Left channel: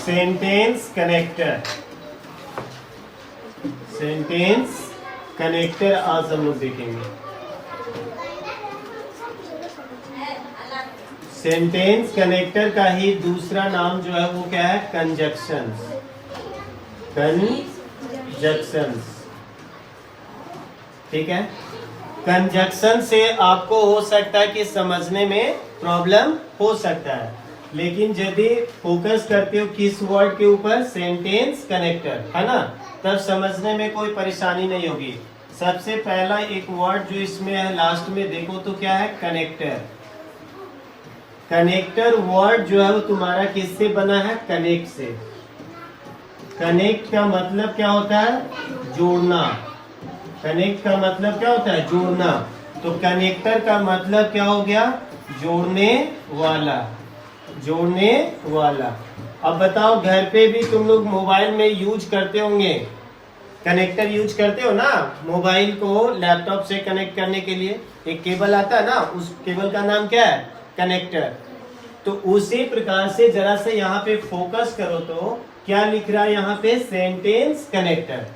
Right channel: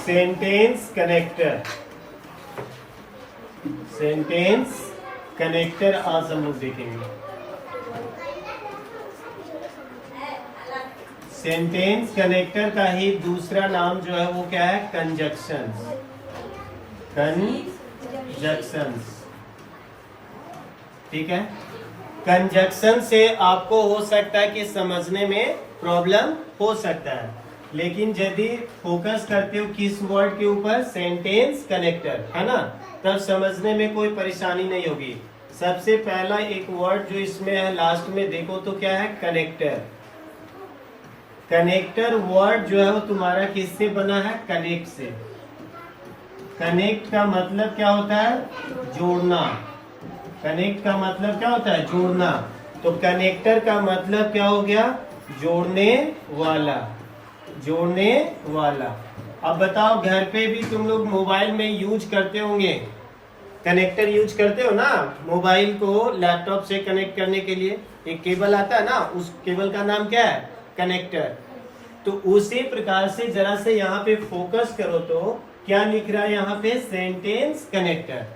Sentence connector, sentence connector आज हम लोग देखेंगे। सेंटेंस कनेक्टर का ही दूसरा नाम जो है वो क्या है? Conjunctions, conjunctions. ठीक है, कंजक्शन से आपको हो सकता है कि समझने में प्रॉब्लम हो सकता है, लेकिन यदि फोकस करते हो किस वर्ड के ऊपर? सेंटेंस कनेक्टर, है ना, तब समझने में कोई परेशानी नहीं होगी। सबसे पहला एक वर्ड जो इसमें है लास्ट में देखो तो क्या है? कनेक्टर। कनेक्टर वर्ड जो है वो तुम्हारा किससे बना है? कनेक्ट से। कनेक्ट का मतलब क्या होता है? जोड़ना। कनेक्ट का मतलब क्या होता है? जोड़ना। तो कनेक्टर का मतलब क्या हो गया? जोड़ने वाला, जोड़ने वाला। अब बताओ, घर पे भी तुम लोग मोबाइल में यूज करते होंगे, कनेक्टर यूज करते हो ना? मोबाइल को लैपटॉप से कनेक्ट करने के लिए एक केबल आता है ना, उस केबल का नाम क्या है? कनेक्टर। तो उसी प्रकार से जरा से यहाँ पे फोकस करो तो क्या लिख रहा है यहाँ पे? Sentence connector.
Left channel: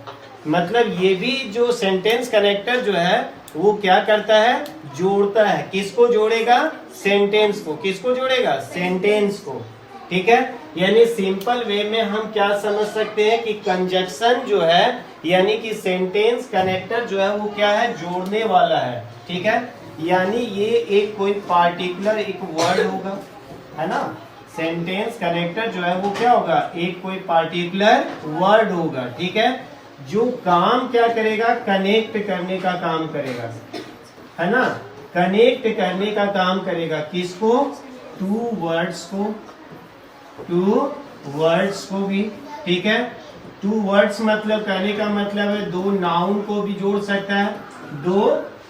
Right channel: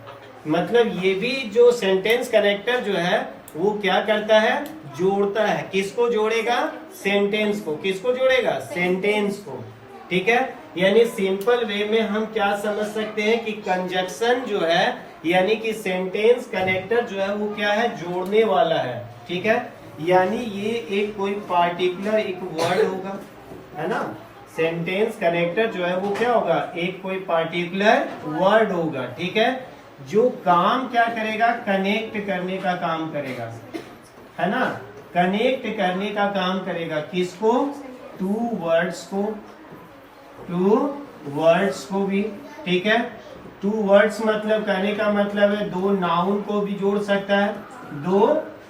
मतलब ये भी जो सेंटेंस कनेक्टर जो है वो क्या करता है? जोड़ता है। किसको जोड़ेगा? सेंटेंस को। किसको जोड़ेगा? सेंटेंस को। ठीक है, यानी सिंपल वे में हम क्या समझ सकते हैं कि कंजक्शन जो है यानी कि सेंटेंस कनेक्टर जो है वो क्या है? जोड़ने वाला है। ठीक है, यानी ये एक कोई पार्टिकुलर एक वर्ड होगा, है ना? सेंटेंस कनेक्टर जो है वो क्या होगा? एक कोई पार्टिकुलर वर्ड होगा। ठीक है, जो काम क्या करेगा? कनेक्ट करने का काम करेगा, है ना? कनेक्ट करने का काम करेगा। किसको? टू वर्ड्स को, टू वर्ड्स को भी। ठीक है, टू वर्ड्स मतलब कहने का मतलब है दो नाउन को भी जोड़ सकता है, दो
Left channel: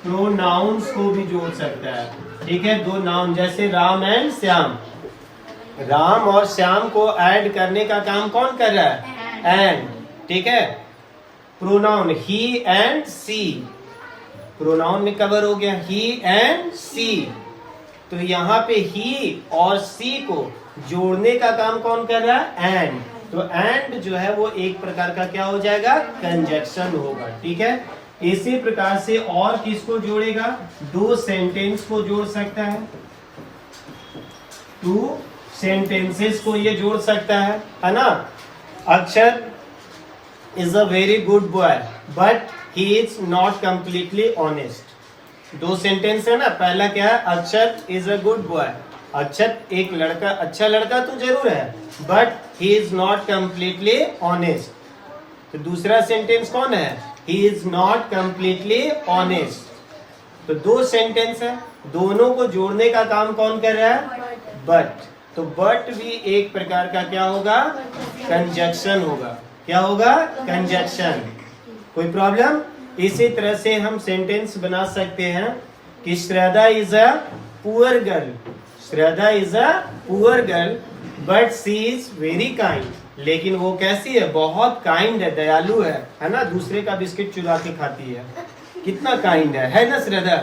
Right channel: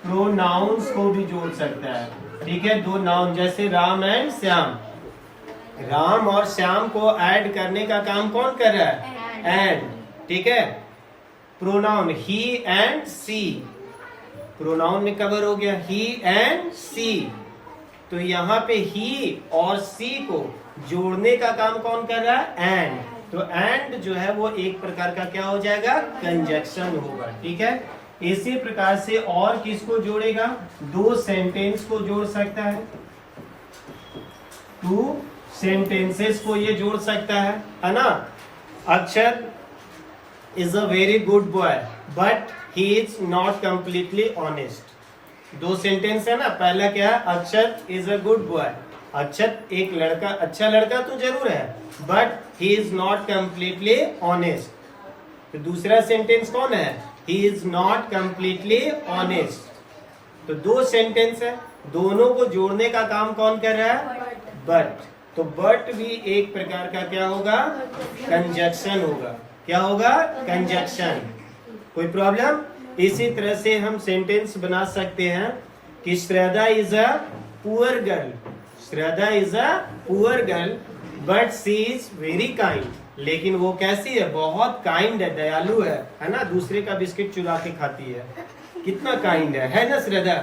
प्रोनाउंस को भी जोड़ सकता है। ठीक है, दो नाउन जैसे राम एंड श्याम, राम और श्याम को ऐड करने का काम कौन कर रहा है? एंड। ठीक है, pronoun he and she, pronoun में कवर हो गया ही एंड सी। तो यहाँ पे ही और सी को जोड़ने का काम कौन कर रहा है? एंड। तो एंड जो है वो एक प्रकार का क्या हो जाएगा? कंजक्शन होगा। ठीक है, इसी प्रकार से और किसको जोड़ेगा? दो सेंटेंस को जोड़ सकता है, टू सेंटेंसेस को ये जोड़ सकता है ना? अक्षर is a very good boy but he is not completely honest. दो सेंटेंस है ना, पहला क्या है? अक्षर इज अ गुड बॉय, अक्षर एक लड़का, अच्छा लड़का तो जरूर है, but he is not completely honest. तो दूसरा सेंटेंस कौन है? He is not completely honest. तो दो सेंटेंस है, दोनों को जोड़ने का काम कौन कर रहा है? बट। तो बट भी एक प्रकार का क्या होगा? कंजक्शन होगा। क्या होगा? कंजक्शन। कोई प्रॉब्लम? इसी तरह से हम सेंटेंस बना सकते हैं कि Shraddha is a poor girl, Shraddha is a poor girl but she is very kind. लेकिन वो कैसी है? बहुत काइंड है, दयालु है ना? दूसरे का बिस्किट चुरा के खाती है, कितना काइंड है ना श्रद्धा?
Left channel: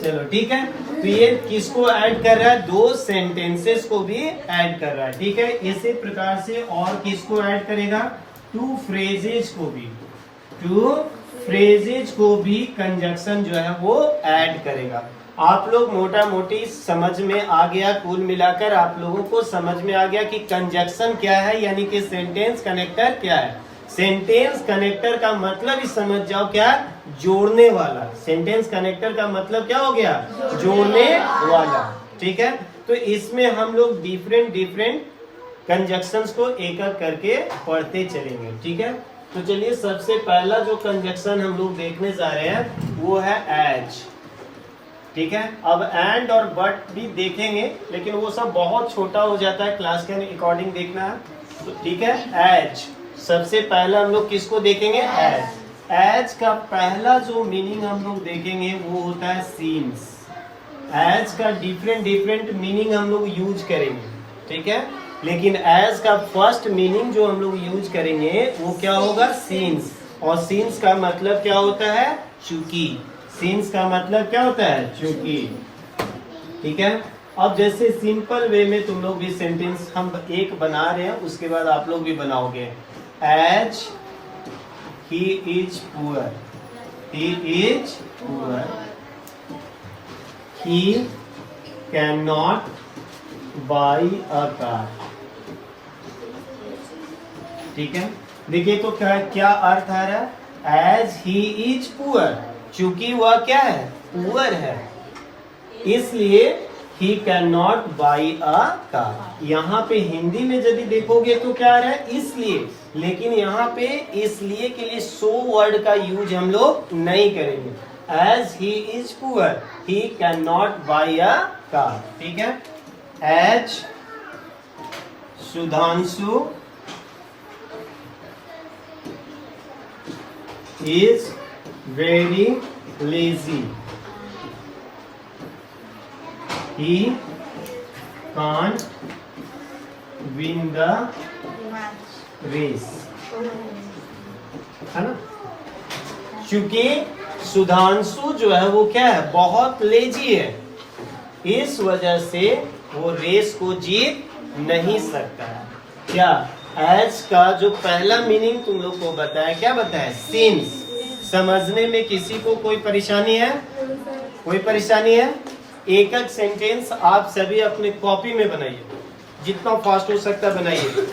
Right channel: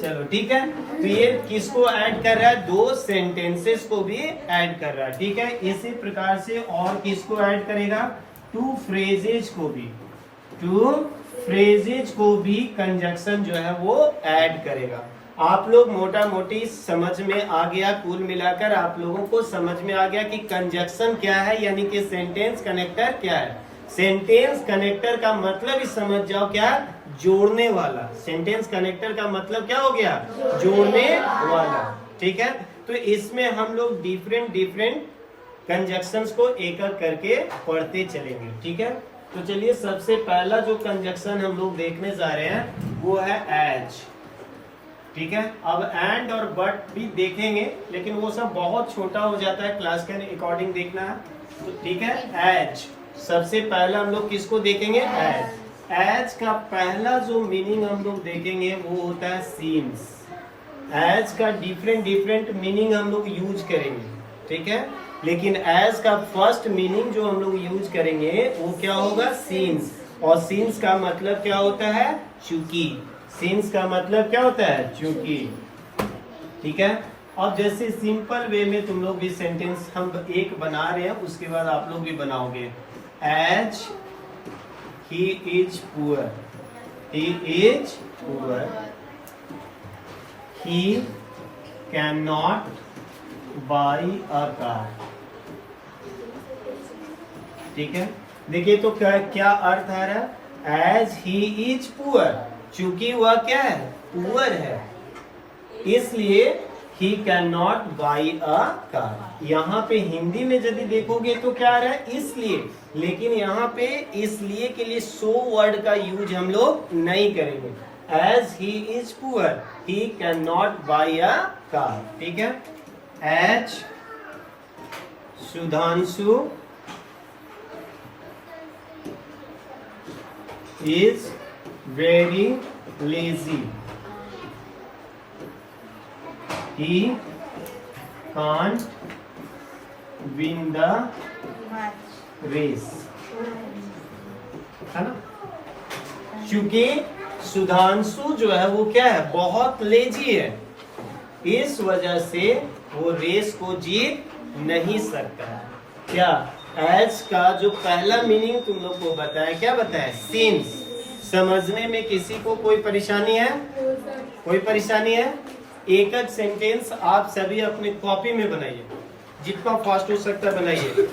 चलो ठीक है, तो ये किसको ऐड कर रहा है? दो सेंटेंसेस को भी ऐड कर रहा है। ठीक है, इसी प्रकार से और किसको ऐड करेगा? टू फ्रेजेज को भी, टू फ्रेजेज को भी कंजक्शन जो है वो ऐड करेगा। आप लोग मोटा मोटी समझ में आ गया, कुल मिलाकर आप लोगों को समझ में आ गया कि कंजक्शन क्या है, यानी कि सेंटेंस कनेक्टर क्या है। सेंटेंस कनेक्टर का मतलब ही समझ जाओ क्या? जोड़ने वाला। सेंटेंस कनेक्टर का मतलब क्या हो गया? जोड़ने वाला। ठीक है, तो इसमें हम लोग डिफरेंट डिफरेंट कंजक्शंस को एक एक करके पढ़ते चलेंगे। ठीक है, तो चलिए सबसे पहला जो कंजक्शन हम लोग देखने जा रहे हैं वो है एज। ठीक है, अब एंड और बट भी देखेंगे, लेकिन वो सब बहुत छोटा हो जाता है, क्लास के अकॉर्डिंग देखना है। तो ठीक है, एज सबसे पहला हम लोग किसको देखेंगे? एज। एज का पहला जो मीनिंग हम लोग देखेंगे वो होता है सीन्स। एज का डिफरेंट डिफरेंट मीनिंग हम लोग यूज करेंगे। ठीक है, लेकिन एज का फर्स्ट मीनिंग जो हम लोग यूज करेंगे वो क्या होगा? सीन्स। और सीन्स का मतलब क्या होता है? चूंकि। सीन्स का मतलब क्या होता है? चूंकि। ठीक है, अब जैसे सिंपल वे में तुम लोग भी सेंटेंस हम एक बना रहे हैं, उसके बाद आप लोग भी बनाओगे। As he is poor, he is poor, he can not buy a car. ठीक है, देखिए तो क्या अर्थ आ रहा है? एज ही इज पुअर, चूंकि वह क्या है? पुअर है, इसलिए ही can not buy a car. यहाँ पे हिंदी में यदि देखोगे तो क्या आ रहा है? इसलिए, लेकिन यहाँ पे इसलिए के लिए सो वर्ड का यूज हम लोग नहीं करेंगे। As he is poor, he can not buy a car. ठीक है, as Sudhanshu is very lazy, he can't win the race, है ना? क्योंकि सुधांशु जो है वो क्या है? बहुत लेजी है, इस वजह से वो रेस को जीत नहीं सकता है। क्या? एज का जो पहला मीनिंग तुम लोग को बताया, क्या बताया? सिंस। समझने में किसी को कोई परेशानी है? कोई परेशानी है? एक एक सेंटेंस आप सभी अपने कॉपी में बनाइए, जितना फास्ट हो सकता है बनाइए।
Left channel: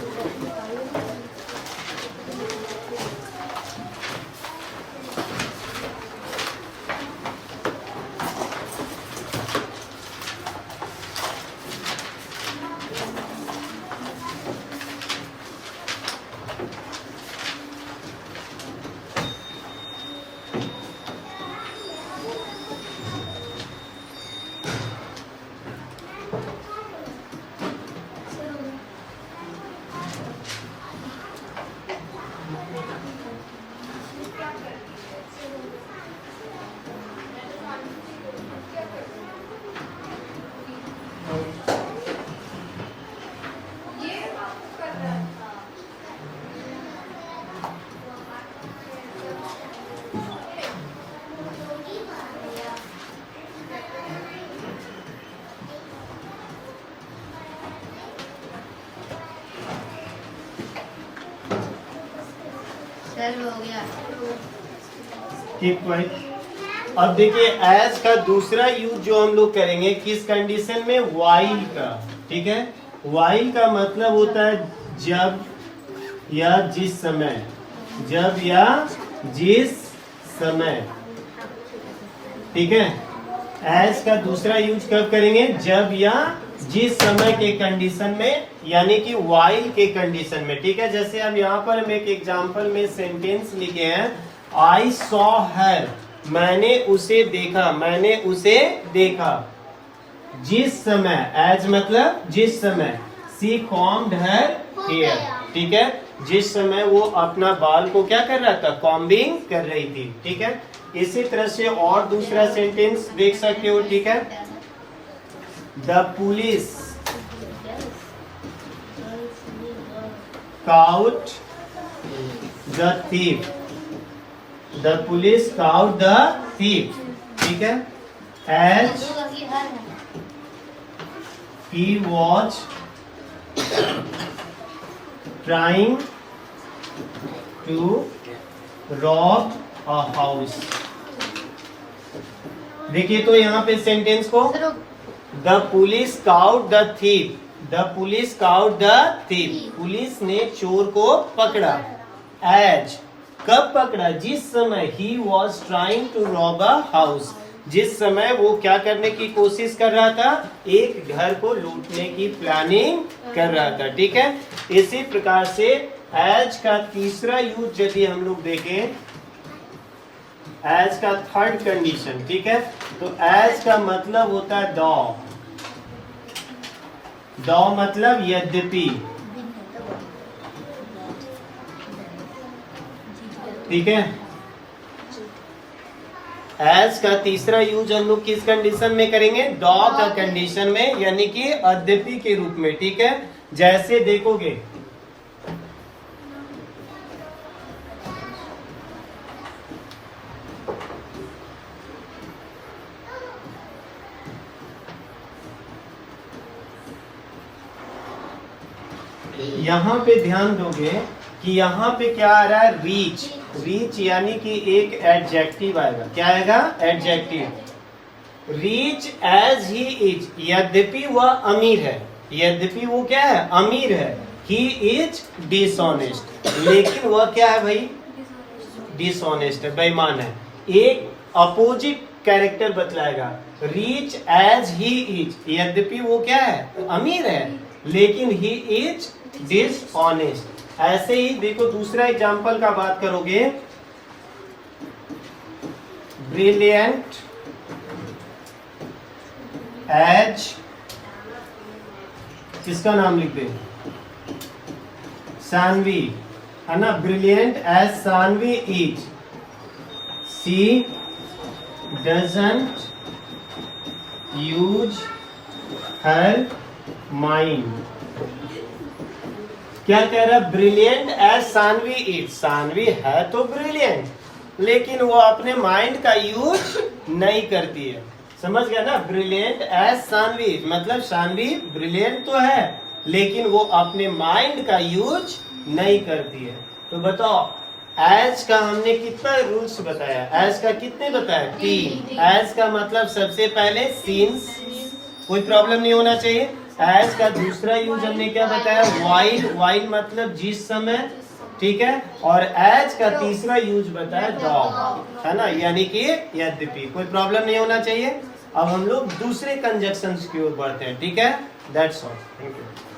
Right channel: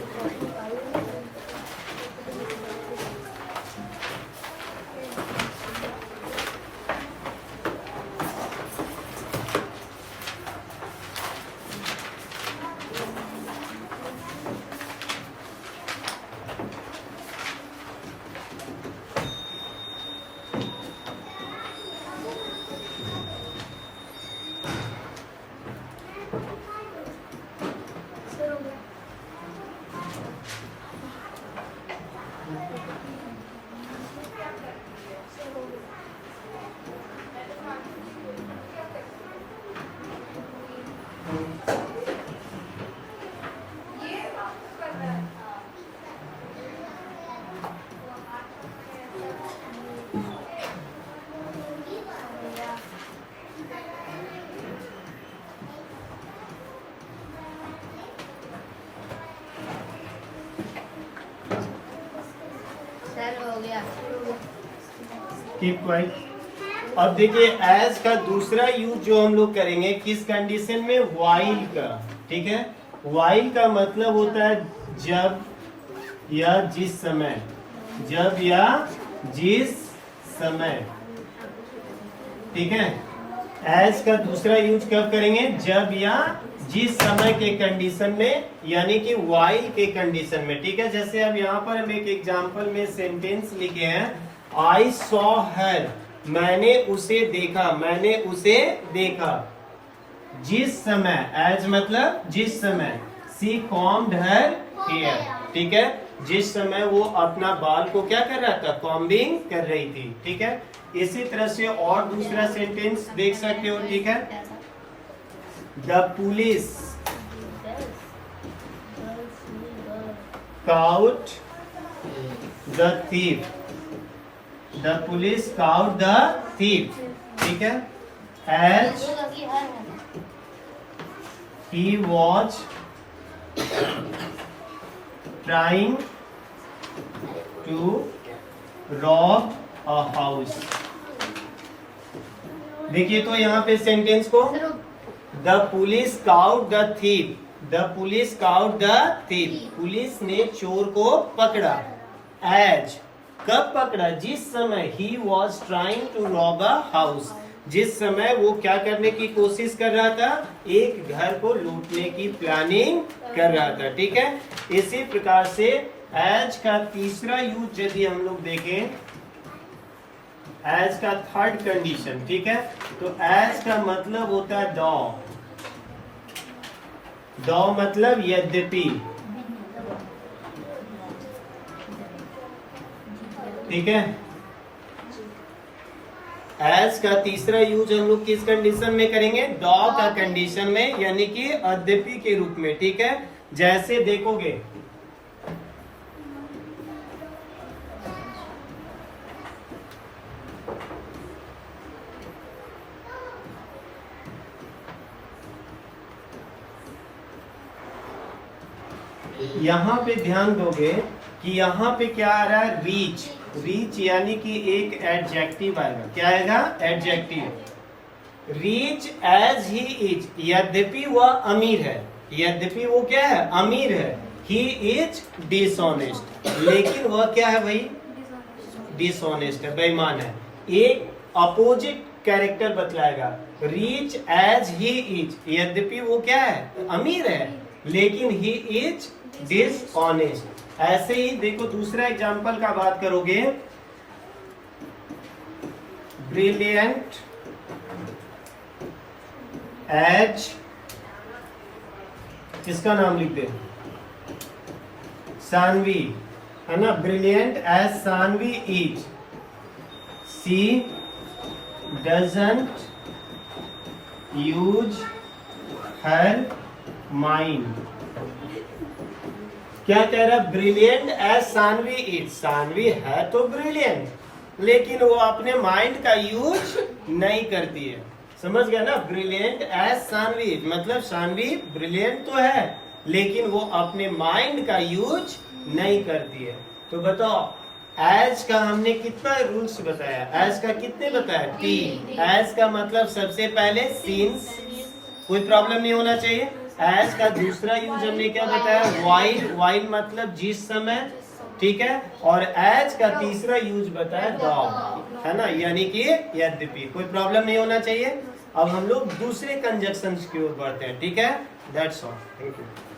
Keep quiet. अब देखिए एज का दूसरा यूज जो हम लोग करेंगे किस कंडीशन में? वाइल का। ठीक है, वाइल का मतलब होता है जब या जिस समय, जब या जिस समय। ठीक है, एज का दूसरा यूज कब करेंगे? जब या जिस समय के कंडीशन में, यानी कि वाइल के कंडीशन में। ठीक है, जैसे अब यहाँ पर हम एक एग्जांपल में सेंटेंस लिखे हैं, आई सॉ हर, मैंने उसे देखा, मैंने उसे देखा जिस समय, एज मतलब जिस समय, सी कॉम्ड हर हेयर। ठीक है, जिस समय वो अपना बाल को क्या कर रहा था? कॉम्बिंग कर रही थी। ठीक है, इसी तरह से और दूसरा सेंटेंस देख सकते हो। ठीक है, the police caught the thief, the police caught the thief. ठीक है, as he was trying to rob a house. देखिए तो यहाँ पे सेंटेंस को, the police caught the thief, the police caught the thief, police ने चोर को पकड़ा। एज कब पकड़ा? जिस समय, he was trying to rob a house, जिस समय वो क्या करने की कोशिश कर रहा था? एक घर को लूटने की प्लानिंग कर रहा था। ठीक है, इसी प्रकार से एज का तीसरा यूज यदि हम लोग देखें, एज का थर्ड कंडीशन। ठीक है, तो एज का मतलब होता है दो, दो मतलब यद्यपि। ठीक है, एज का तीसरा यूज हम लोग किस कंडीशन में करेंगे? दो का कंडीशन में, यानी कि यद्यपि के रूप में। ठीक है, जैसे देखोगे यहाँ पे ध्यान दोगे कि यहाँ पे क्या आ रहा है, रीच। रीच यानी कि एक एडजेक्टिव आएगा। क्या आएगा, adjective. Rich as he is, यद्यपि वह अमीर है, यद्यपि वो क्या है, अमीर है। ही इज डिसऑनेस्ट, लेकिन वह क्या है भाई, डिसऑनेस्ट है, बेईमान है। एक अपोजिट कैरेक्टर बतलाएगा, रीच एज ही इज, यद्यपि वो क्या है, अमीर है, लेकिन ही इज डिसऑनेस्ट। ऐसे ही देखो दूसरा एग्जांपल का बात करोगे, ब्रिलियंट एज, किसका नाम लिख दे, सानवी, है ना। Brilliant as Saanvi is, she doesn't use her mind. क्या कह रहा है, brilliant as Saanvi is, Saanvi है तो ब्रिलियंट, लेकिन वो अपने माइंड का यूज नहीं करती है। समझ गया ना, ब्रिलियंट एज सानवी मतलब सानवी ब्रिलियंट तो है, लेकिन वो अपने माइंड का यूज नहीं करती है। तो बताओ, एज का हमने कितना रूल्स बताया, एज का कितने बताया, 3। एज का मतलब सबसे पहले सिंस, कोई प्रॉब्लम नहीं होना चाहिए। एज का दूसरा यूज हमने क्या बताया, वाइल, वाइल मतलब जिस समय, ठीक है। और एज का तीसरा यूज बताया डॉग, है ना, यानी कि यद्यपि। कोई प्रॉब्लम नहीं होना चाहिए। अब हम लोग दूसरे कंजक्शंस की ओर बढ़ते हैं, ठीक है। That's all, thank you.